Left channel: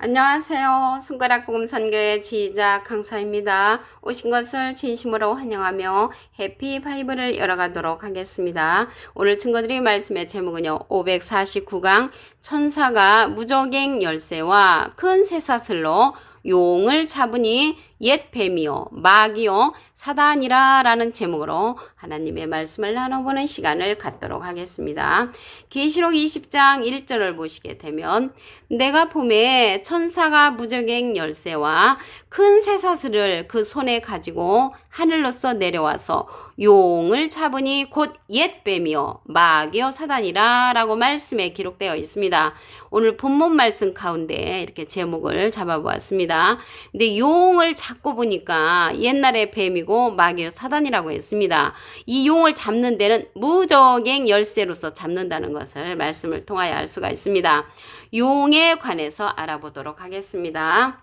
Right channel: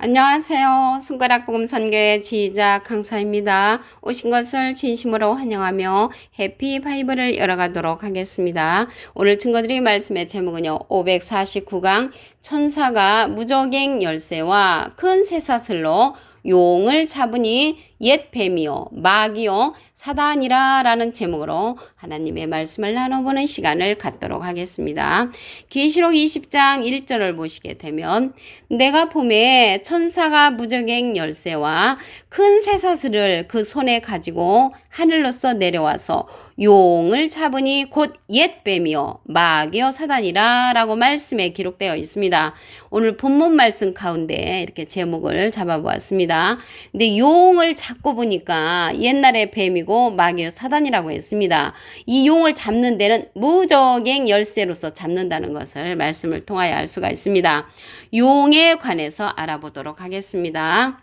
안녕하세요. 손가락 복음 선교의 지휘자 강사입니다. 오신 것을 진심으로 환영하며 해피 바이블을 열어가도록 하겠습니다. 오늘 친구들이 말씀의 제목은요. 549강 천사가 무저갱 열쇠와 큰 쇠사슬로 용을 잡으니 옛 뱀이요 마귀요 사단이라 라는 제목으로 하나님의 말씀을 나눠보는 시간을 갖도록 하겠습니다. 계시록 20장 1절을 보시게 되면 내가 봄에 천사가 무저갱 열쇠와 큰 쇠사슬을 그 손에 가지고 하늘로서 내려와서 용을 잡으니 곧 옛 뱀이요 마귀요 사단이라 라고 말씀에 기록되어 있습니다. 오늘 본문 말씀 가운데 이렇게 제목을 잡아보았습니다. 근데 용을 잡고 보니까 옛날에 뱀이고 마귀요 사단이라고 했습니다. 이 용을 잡는 데는 무저갱 열쇠로서 잡는다는 것을 말씀을 통하여 알 수가 있습니다. 용에 관해서 알아보도록 하겠습니다.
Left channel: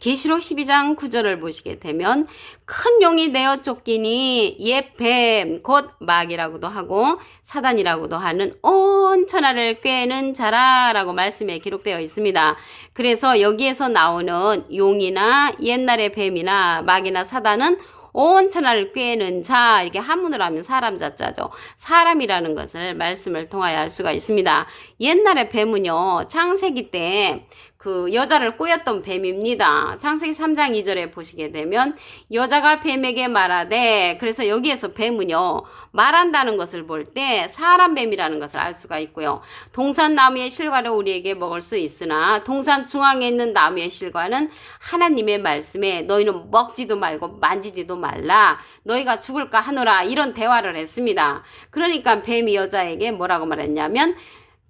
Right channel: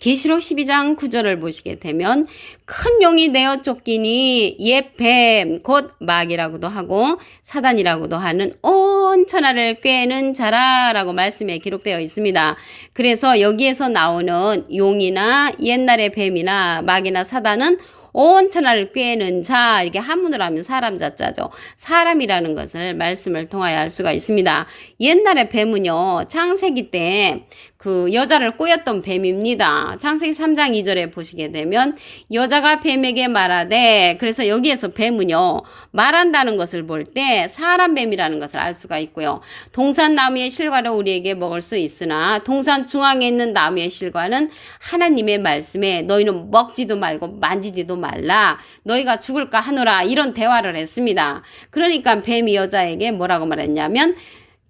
계시록 12장 9절을 보시게 되면 큰 용이 내어 쫓기니 옛 뱀 곧 마귀라고도 하고 사단이라고도 하는 온 천하를 꿰는 자라라고 말씀에 기록되어 있습니다. 그래서 여기에서 나오는 용이나 옛날의 뱀이나 마귀나 사단은 온 천하를 꿰는 자, 이렇게 한문으로 하면 사람 자자죠. 사람이라는 것을 말씀을 통하여 알 수가 있습니다. 옛날에 뱀은요, 창세기 때 그 여자를 꼬였던 뱀입니다. 창세기 3장 2절에 보시게 되면 여자가 뱀에게 말하되, 그래서 여기에서 뱀은요 말한다는 것을 볼 때 사람 뱀이라는 것을 알 수가 있고요. 동산 나무의 실과를 우리에게 먹을 수 있으나 동산 중앙에 있는 나무의 실과는 하나님의 말씀에 너희는 먹지도 말고 만지지도 말라, 너희가 죽을까 하노라, 이런 대화를 했습니다. 그러니까 뱀이 여자에게 뭐라고 말했냐면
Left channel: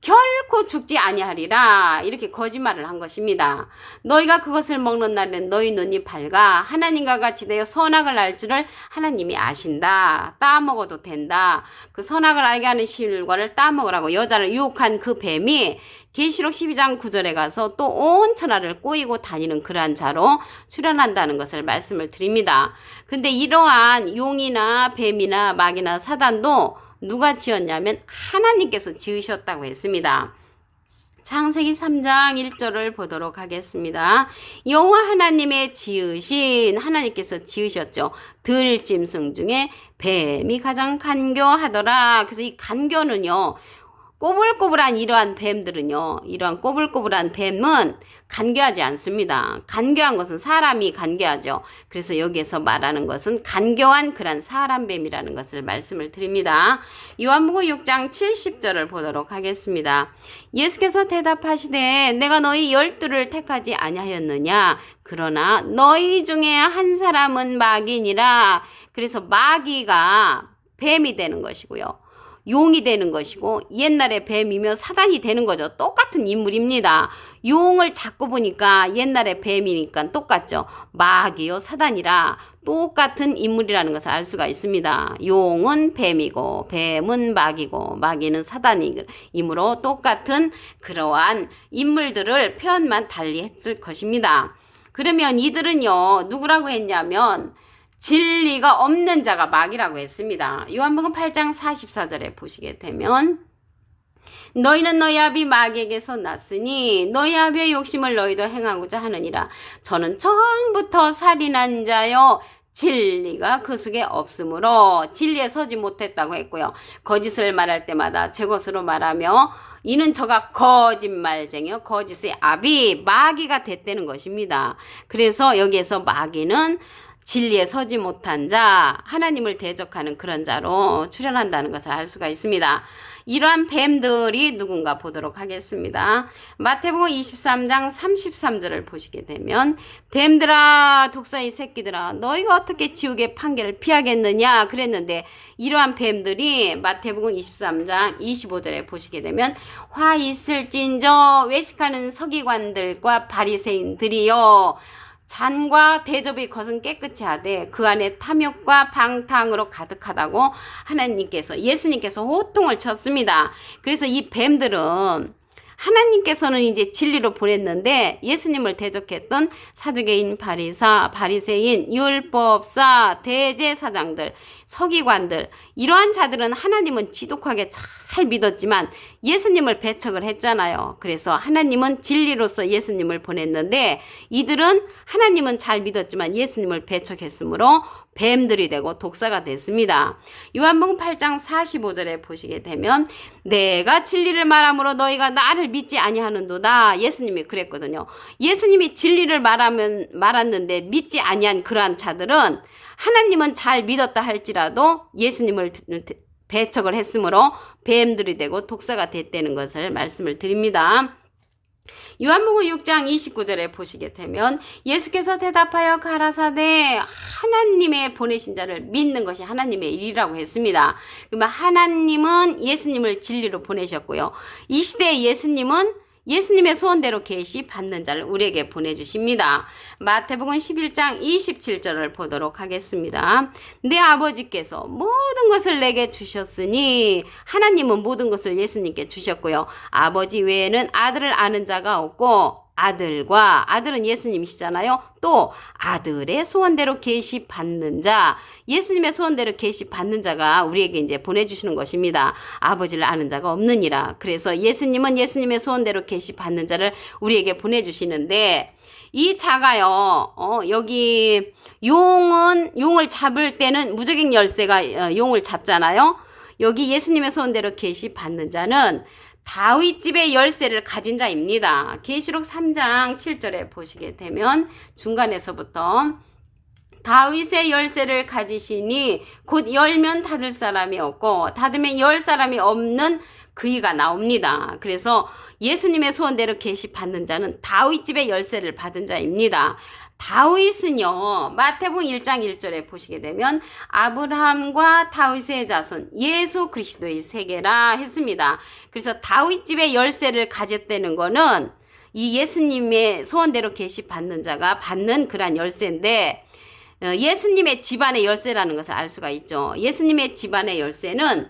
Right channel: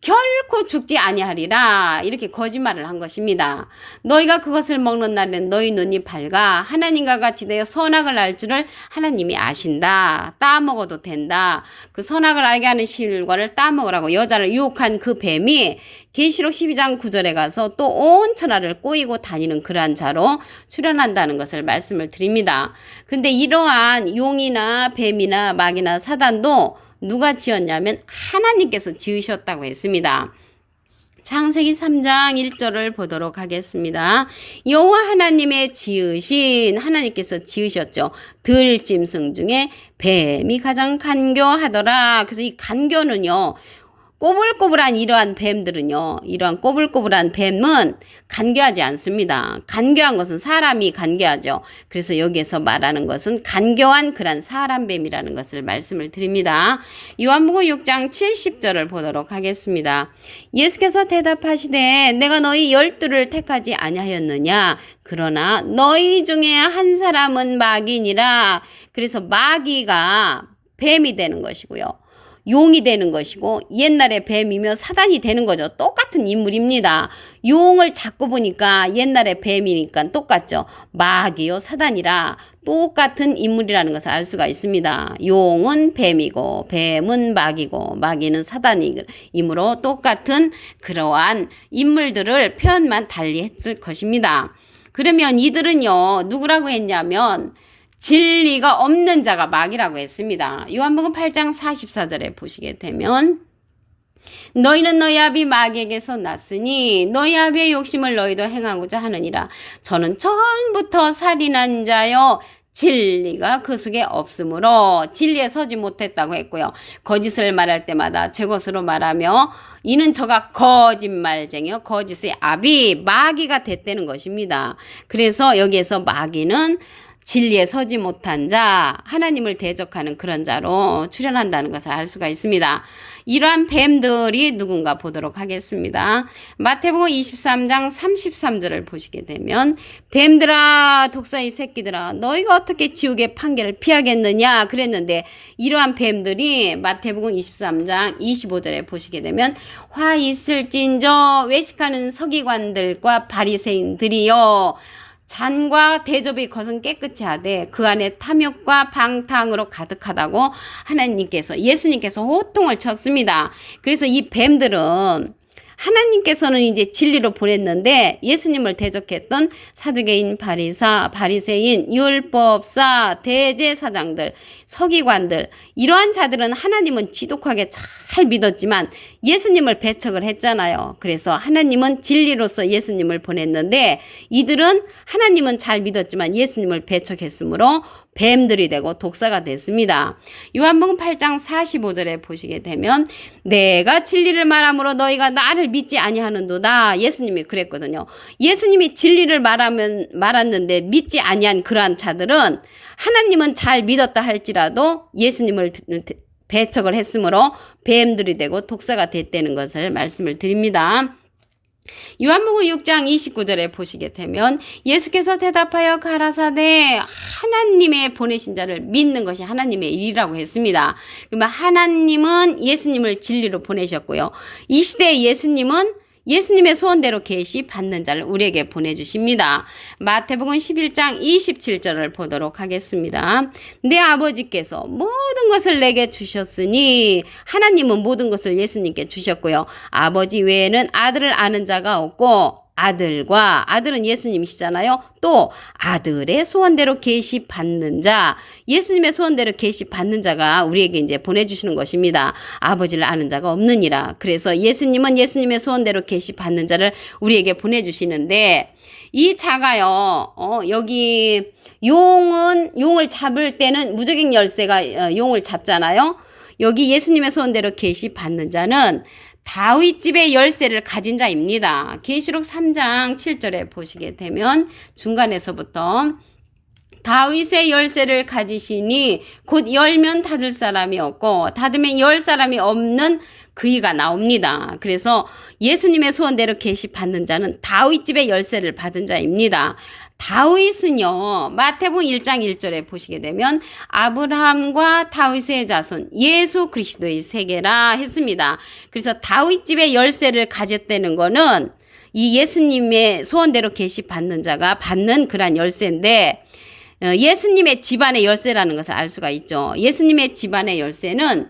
결코 죽지 아니하리라, 이렇게 거짓말을 한 것입니다. 너희가 그것을 먹는 날엔 너희 눈이 밝아 하나님과 같이 되어 선악을 알 줄을 하나님이 아신다. 따먹어도 된다. 그 선악을 알게 하는 실과를 따먹으라고 여자를 유혹한 그 뱀이 계시록 12장 9절에 가서 또 온 천하를 꼬이고 다니는 그러한 자로 출현한다는 것을 말씀을 드립니다. 근데 이러한 용이나 뱀이나 마귀나 사단도 누가 지었냐면 하나님께서 지으셨다고 했습니다. 창세기 3장 1절을 보도록 하겠습니다. 여호와 하나님의 지으신, 하나님께서 지으셨죠. 들짐승 중에 뱀이 가장 간교하더라. 그래서 이 간교는요, 꼬불꼬불한 이러한 뱀들은요, 이러한 꼬불꼬불한 뱀은 간교하지 않습니다. 간교한 것은 사람이 간교하죠. 그래서 여기에서 말하는 것은 간교한 그런 사람 뱀이라는 것을 말씀을 드립니다. 요한복음 6장 70절을 보도록 하겠습니다. 예수께서 대답하시되 내가 너희 12를 택하지 아니하였느냐, 그러나 너희 중에 한 사람은 마귀니라. 그래서 마귀가 뱀이 되는 것이고요, 용이 되는 것이고 옛날에 뱀이며 사단이 되는 거죠. 똑같은 인물입니다. 용을 잡고 보니까 옛날에 뱀이니까 똑같죠. 마귀요 사단이라 똑같은 인물이라는 것을 알 수가 있습니다. 용은 뱀이고 뱀은 마귀고 마귀는 사단이므로 똑같은 그러한 인물들을 표현만 달리 했을 것입니다. 그러면 이들은요 누구라고 했냐면 진리가 없는 자가 마귀라고 했습니다. 요한복음 8장 44절에 보시게 되면 너희는 너희 아비 마귀에게서 났으니 너희 아비의 욕심을 너희도 행하고자 하느니라. 저는 처음부터 살인한 자요 진리가 그 속에 없으므로 진리에 서지 못했다고 했고요. 거짓을 말할 때마다 제 것으로 말하며 이는 저가 거짓말쟁이요 거짓의 아비 마귀가 됐다는 것입니다. 그래서 여기에서 마귀는 진리에 서지 못한 자, 하나님을 대적하는 그런 자로 출현한다는 것을 알 수가 있습니다. 이러한 뱀들이 누군가 보도록 하겠습니다. 마태복음 23장 33절을 보시게 되면 뱀들아 독사의 새끼들아 너희가 어떻게 지옥의 판결을 피하겠느냐 그랬는데, 이러한 뱀들이 마태복음 23장 25절에 보시게 되면 화 있을진저 외식하는 서기관들과 바리새인들이여 잔과 대접의 것은 깨끗이 하되 그 안에 탐욕과 방탕으로 가득하다고 하나님께서, 예수님께서 호통을 쳤습니다. 그래서 이 뱀들은 하나님께서는 이제 진리로 보냈는데 예수님을 대적했던 사두개인, 바리새인, 율법사, 대제사장들, 서기관들, 이러한 자들은 하나님은 지독하게 참 잘 믿었지만 예수님을 배척을 했잖아요. 그래서 하나님은 진리로서 예수님을 보냈는데 이들은 하나님은 잘 믿었지만 예수님을 배척했으므로 뱀들이 되고 독사가 됐습니다. 요한복음 8장 45절에 보시게 되면 내가 진리를 말함으로 너희가 나를 믿지 아니하는도다. 예수님이 그랬거든요. 예수님이 진리를 말았는데 믿지 아니한 그러한 자들은 하나님은 잘 믿었다 할지라도 예수님을 배척을 했으므로 뱀들이 되고 독사가 됐다는 것을 말씀을 드립니다. 요한복음 6장 29절에 보시게 되면 예수께서 대답하여 가라사대 하나님의 보내신 자를 믿는 것이 하나님의 일이라고 했습니다. 그러면 하나님은 예수님을 진리로 보내셨고요. 이 시대의 예수님은 예수님의 소원대로 계시 받는 자를 우리에게 보내주십니다. 마태복음 11장 27절을 보도록 하겠습니다. 내 아버지께서 모든 것을 내게 주셨으니 하나님은 모든 것을 예수님께 주셨고요. 아버지 외에는 아들을 아는 자가 없고 아들은 예수님이시잖아요. 또 아들의 소원대로 계시 받는 자, 예수님의 소원대로 계시 받는 자가 우리에게 이제 보내주시는 것입니다. 아버지를 아는 자가 없느니라. 그래서 예수님은 예수님의 소원대로 계시 받는 자를 우리에게 보내주시는데 이 자가요, 여기 용을 잡을 때는 무적행 열쇠가 용을 잡잖아요. 여기 예수님의 소원대로 계시 받는 자는 다윗 집의 열쇠를 가진 자입니다. 계시록 3장 7절에 보시게 되면 중간에서부터 다윗의 열쇠를 가지시니 곧 열면 닫을 사람이 없고 닫으면 열 사람이 없는 그이가 나옵니다. 그래서 예수님의 소원대로 계시 받는 자는 다윗 집의 열쇠를 받은 자입니다. 다윗은요, 마태복음 1장 1절에 보시게 되면 아브라함과 다윗의 자손 예수 그리스도의 세계라 했습니다. 그래서 다윗 집의 열쇠를 가졌다는 거는 이 예수님의 소원대로 계시 받는 자가 받는 그런 열쇠인데 예수님의 집안의 열쇠라는 것을 알 수가 있죠. 예수님의 집안의 열쇠는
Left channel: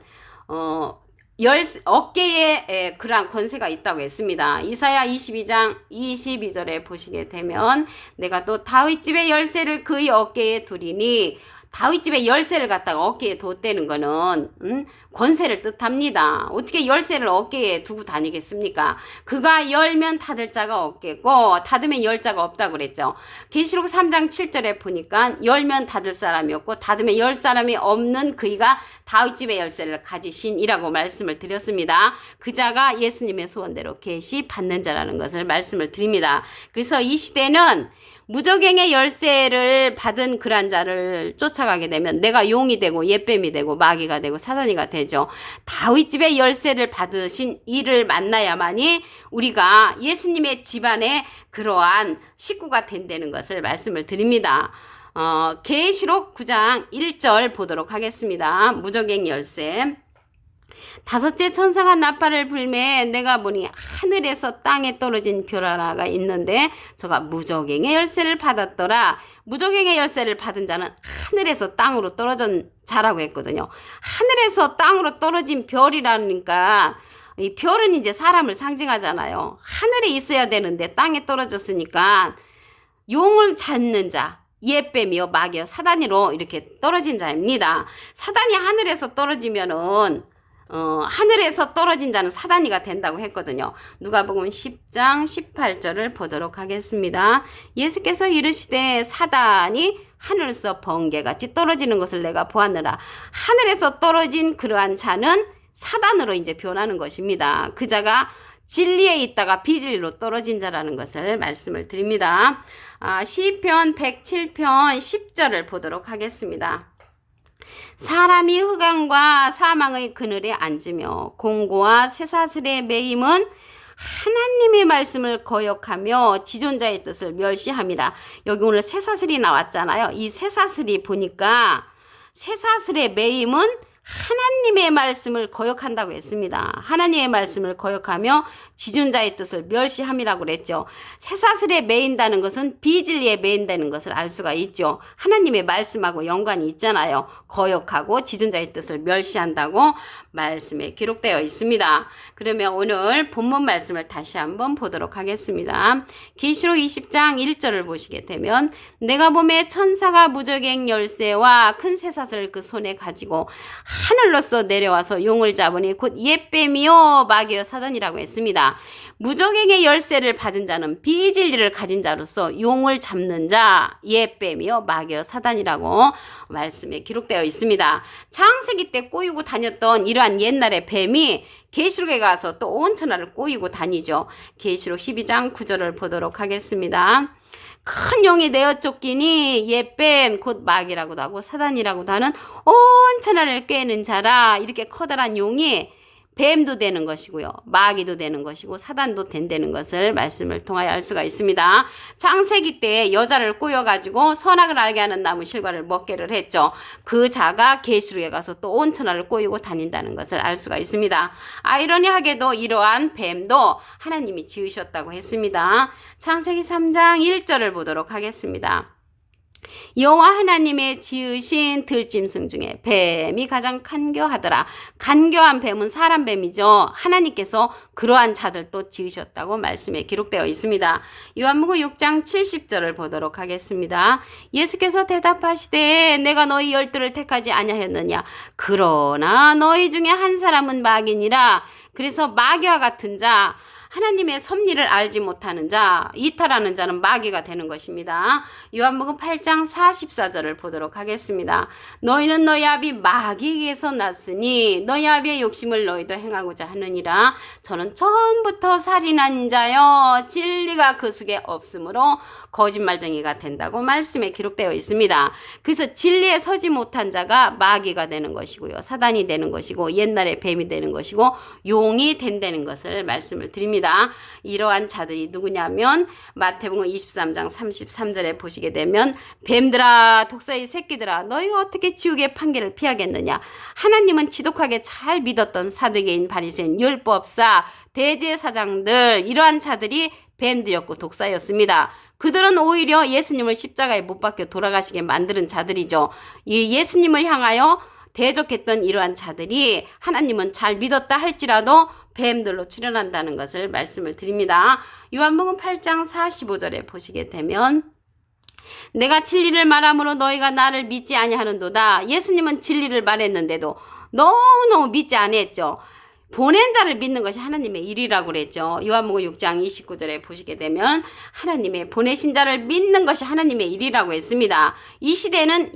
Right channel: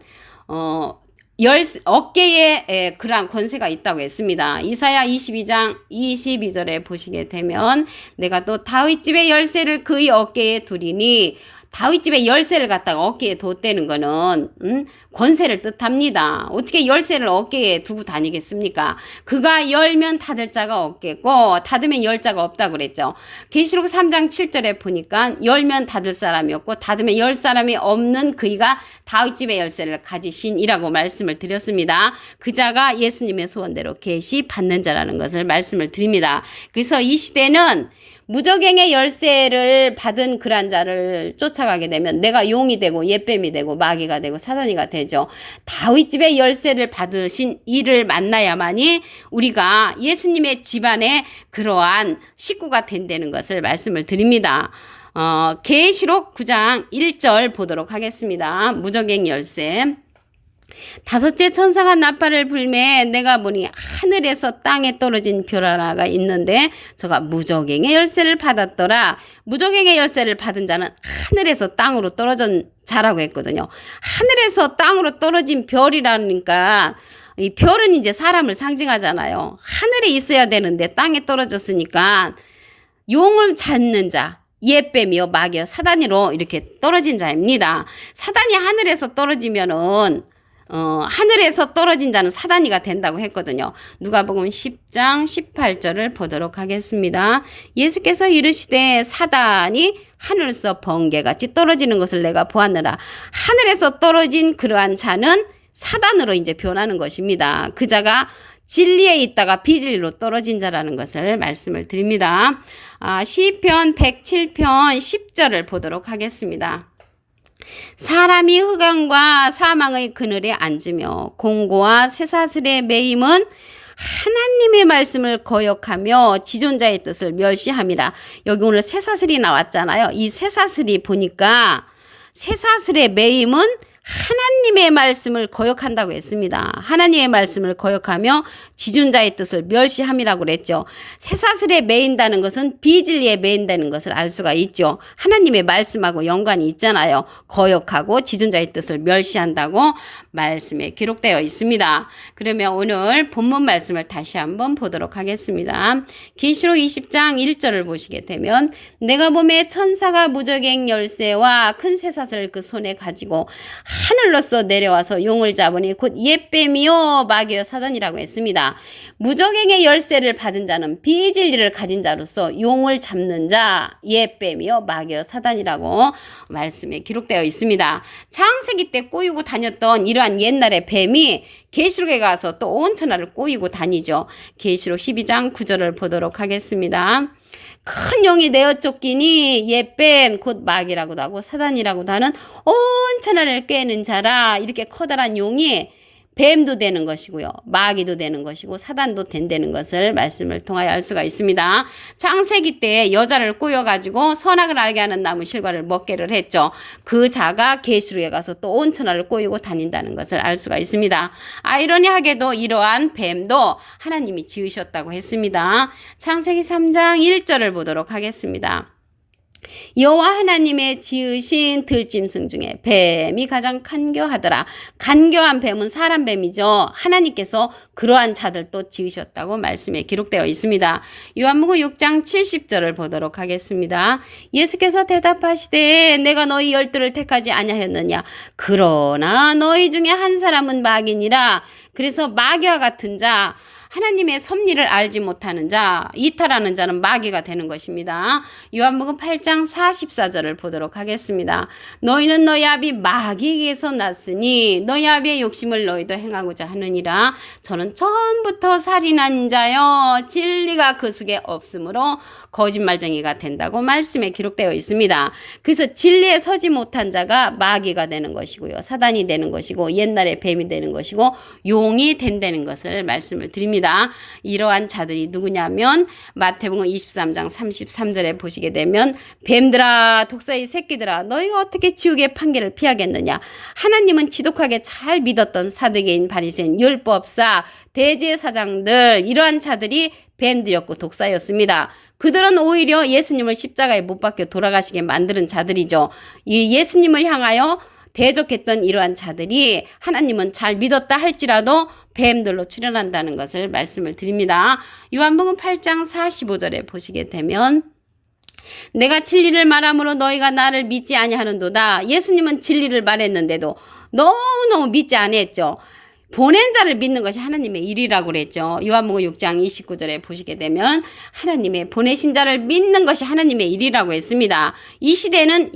어깨에 그러한 권세가 있다고 했습니다. 이사야 22장 22절에 보시게 되면 내가 또 다윗집의 열쇠를 그의 어깨에 두리니 다윗집의 열쇠를 갖다가 어깨에 뒀다는 거는 권세를 뜻합니다. 어떻게 열쇠를 어깨에 두고 다니겠습니까? 그가 열면 닫을 자가 없겠고 닫으면 열 자가 없다고 그랬죠. 계시록 3장 7절에 보니까 열면 닫을 사람이 없고 닫으면 열 사람이 없는 그이가 다윗집의 열쇠를 가지신이라고 말씀을 드렸습니다. 그 자가 예수님의 소원대로 계시 받는 자라는 것을 말씀을 드립니다. 그래서 이 시대는 무적행의 열쇠를 받은 그런 자를 쫓아가게 되면 내가 용이 되고 옛뱀이 되고 마귀가 되고 사단이가 되죠. 다윗집의 열쇠를 받으신 이를 만나야만이 우리가 예수님의 집안에 그러한 식구가 된다는 것을 말씀을 드립니다. 계시록 9장 1절 보도록 하겠습니다. 무적행 열쇠. 다섯째 천사가 나팔을 불매 내가 보니 하늘에서 땅에 떨어진 별 하나가 있는데 저가 무적행의 열쇠를 받았더라. 무적행의 열쇠를 받은 자는 하늘에서 땅으로 떨어진 자라고 했거든요. 하늘에서 땅으로 떨어진 별이라니까 이 별은 이제 사람을 상징하잖아요. 하늘에 있어야 되는데 땅에 떨어졌으니까 용을 잡는 자, 옛뱀이요 마귀요 사단으로 이렇게 떨어진 자입니다. 사단이 하늘에서 떨어지면은 하늘에서 떨어진 자는 사단이가 된다고 했거든요. 누가복음 10장 18절을 보도록 하겠습니다. 예수께서 이르시되 사단이 하늘에서 번개같이 떨어지는 것을 내가 보았느라. 하늘에서 떨어진 그러한 자는 사단으로 이제 변하는 것입니다. 그 자가 진리에 있다가 비진리로 떨어진 자라는 것을 말씀을 드립니다. 시편 107편 10절을 보도록 하겠습니다. 사람이 흑암과 사망의 그늘에 앉으며 공고와 쇠사슬에 매임은 하나님의 말씀을 거역하며 지존자의 뜻을 멸시함이라. 여기 오늘 쇠사슬이 나왔잖아요. 이 쇠사슬이 보니까 쇠사슬의 매임은 하나님의 말씀을 거역한다고 했습니다. 하나님의 말씀을 거역하며 지존자의 뜻을 멸시함이라고 그랬죠. 쇠사슬에 매인다는 것은 비진리에 매인다는 것을 알 수가 있죠. 하나님의 말씀하고 연관이 있잖아요. 거역하고 지존자의 뜻을 멸시한다고 말씀에 기록되어 있습니다. 그러면 오늘 본문 말씀을 다시 한번 보도록 하겠습니다. 계시록 20장 1절을 보시게 되면 내가 보매 천사가 무저갱 열쇠와 큰 쇠사슬을 그 손에 가지고 하늘로서 내려와서 용을 잡으니 곧 옛뱀이요 마귀요 사단이라고 했습니다. 무저갱의 열쇠를 받은 자는 비진리를 가진 자로서 용을 잡는 자, 옛뱀이요 마귀요 사단이라고 말씀에 기록되어 있습니다. 창세기 때 꼬이고 다녔던 이러한 옛날의 뱀이 계시록에 가서 또 온 천하를 꼬이고 다니죠. 계시록 12장 9절을 보도록 하겠습니다. 큰 용이 내어 쫓기니 옛뱀 곧 마귀라고도 하고 사단이라고도 하는 온 천하를 꿰는 자라. 이렇게 커다란 용이 뱀도 되는 것이고요. 마귀도 되는 것이고 사단도 된다는 것을 말씀을 통하여 알 수가 있습니다. 창세기 때 여자를 꼬여가지고 선악을 알게 하는 나무 실과를 먹게를 했죠. 그 자가 계시록에 가서 또 온 천하를 꼬이고 다닌다는 것을 알 수가 있습니다. 아이러니하게도 이러한 뱀도 하나님이 지으셨다고 했습니다. 창세기 3장 1절을 보도록 하겠습니다. 여호와 하나님의 지으신 들짐승 중에 뱀이 가장 간교하더라. 간교한 뱀은 사람 뱀이죠. 하나님께서 그러한 자들도 지으셨다고 말씀에 기록되어 있습니다. 요한복음 6장 70절을 보도록 하겠습니다. 예수께서 대답하시되 내가 너희 열두를 택하지 아니하였느냐. 그러나 너희 중에 한 사람은 마귀니라. 그래서 마귀와 같은 자, 하나님의 섭리를 알지 못하는 자, 이탈하는 자는 마귀가 되는 것입니다. 요한복음 8장 44절을 보도록 하겠습니다. 너희는 너희 아비 마귀에게서 났으니 너희 아비의 욕심을 너희도 행하고자 하느니라. 저는 처음부터 살인한 자여 진리가 그 속에 없으므로 거짓말쟁이가 된다고 말씀에 기록되어 있습니다. 그래서 진리에 서지 못한 자가 마귀가 되는 것이고요. 사단이 되는 것이고 옛날에 뱀이 되는 것이고 용이 된다는 것을 말씀을 드립니다. 이러한 자들이 누구냐면 마태복음 23장 33절에 보시게 되면 뱀들아 독사의 새끼들아 너희가 어떻게 지옥의 판결을 피하겠느냐. 하나님은 지독하게 잘 믿었던 사두개인 바리새인 율법사 대제사장들 이러한 자들이 뱀들이었고 독사였습니다. 그들은 오히려 예수님을 십자가에 못 박혀 돌아가시게 만드는 자들이죠. 이 예수님을 향하여 대적했던 이러한 자들이 하나님은 잘 믿었다 할지라도 뱀들로 출현한다는 것을 말씀을 드립니다. 요한복음 8장 45절에 보시게 되면 내가 진리를 말함으로 너희가 나를 믿지 아니하는도다. 예수님은 진리를 말했는데도 너무너무 믿지 아니했죠. 보낸 자를 믿는 것이 하나님의 일이라고 그랬죠. 요한복음 6장 29절에 보시게 되면 하나님의 보내신 자를 믿는 것이 하나님의 일이라고 했습니다. 이 시대는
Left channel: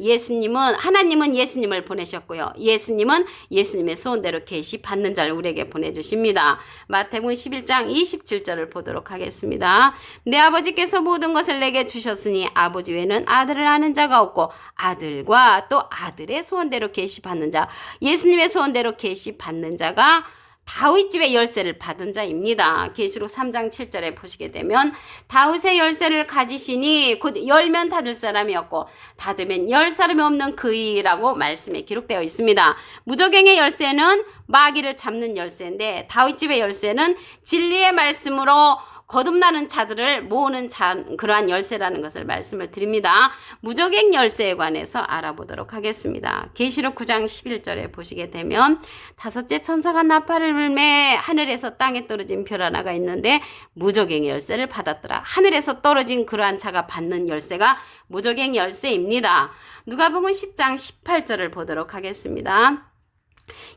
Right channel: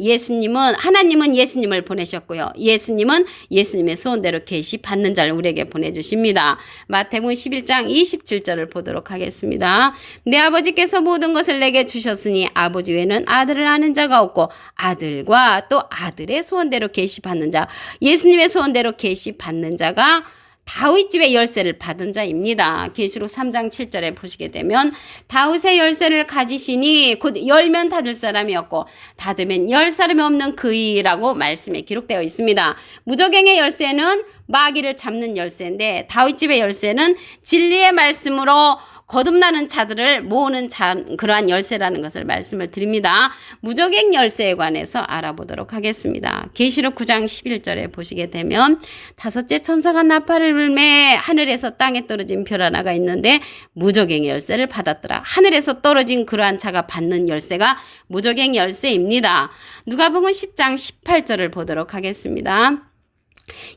하나님은 예수님을 보내셨고요. 예수님은 예수님의 소원대로 계시 받는 자를 우리에게 보내주십니다. 마태복음 11장 27절을 보도록 하겠습니다. 내 아버지께서 모든 것을 내게 주셨으니 아버지 외에는 아들을 아는 자가 없고 아들과 또 아들의 소원대로 계시 받는 자, 예수님의 소원대로 계시 받는 자가 다윗 집의 열쇠를 받은 자입니다. 계시록 3장 7절에 보시게 되면 다윗의 열쇠를 가지시니 곧 열면 닫을 사람이 없고 닫으면 열 사람이 없는 그이라고 말씀에 기록되어 있습니다. 무저갱의 열쇠는 마귀를 잡는 열쇠인데 다윗 집의 열쇠는 진리의 말씀으로 거듭나는 자들을 모으는 그러한 열쇠라는 것을 말씀을 드립니다. 무저갱 열쇠에 관해서 알아보도록 하겠습니다. 계시록 9장 11절에 보시게 되면 다섯째 천사가 나팔을 불매 하늘에서 땅에 떨어진 별 하나가 있는데 무저갱 열쇠를 받았더라. 하늘에서 떨어진 그러한 자가 받는 열쇠가 무저갱 열쇠입니다. 누가복음 10장 18절을 보도록 하겠습니다.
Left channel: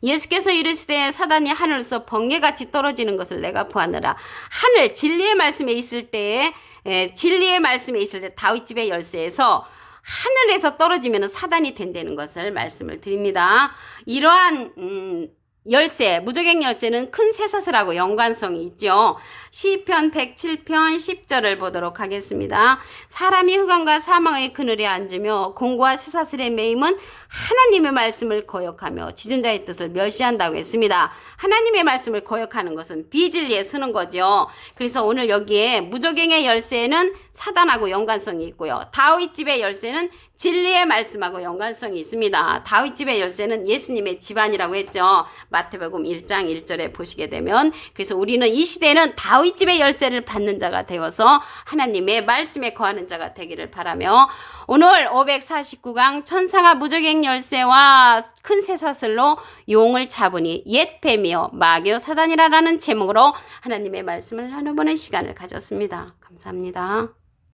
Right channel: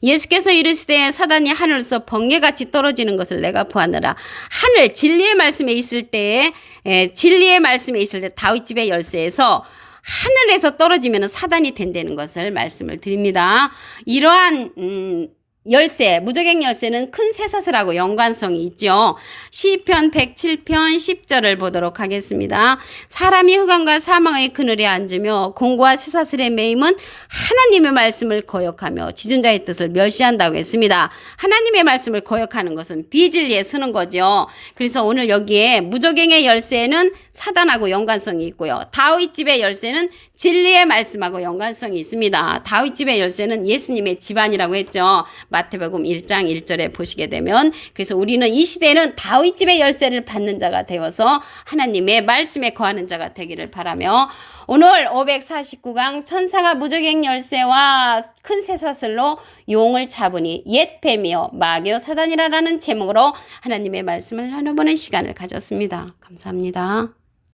예수께서 이르시되 사단이 하늘에서 번개같이 떨어지는 것을 내가 보았느라. 하늘 진리의 말씀에 있을 때 다윗 집의 열쇠에서 하늘에서 떨어지면 사단이 된다는 것을 말씀을 드립니다. 이러한 열쇠, 무저갱 열쇠는 큰 쇠사슬하고 연관성이 있죠. 시편 107편 10절을 보도록 하겠습니다. 사람이 흑암과 사망의 그늘에 앉으며 공고와 쇠사슬의 매임은 하나님의 말씀을 거역하며 지존자의 뜻을 멸시한다고 했습니다. 하나님의 말씀을 거역하는 것은 비진리에 서는 거죠. 그래서 오늘 여기에 무저갱의 열쇠는 사단하고 연관성이 있고요. 다윗집의 열쇠는 진리의 말씀하고 연관성이 있습니다. 다윗집의 열쇠는 예수님의 집안이라고 했죠. 마태복음 1장 1절에 보시게 되면 그래서 우리는 이 시대에는 다윗집의 열쇠를 받는 자가 되어서 하나님의 말씀에 거하는 자가 되기를 바라며 오늘 549강 천사가 무저갱 열쇠와 큰 쇠사슬로 용을 잡으니 옛 뱀이요 마귀요 사단이라는 제목으로 하나님의 말씀을 나눠보는 시간을 가졌습니다. 감사합니다.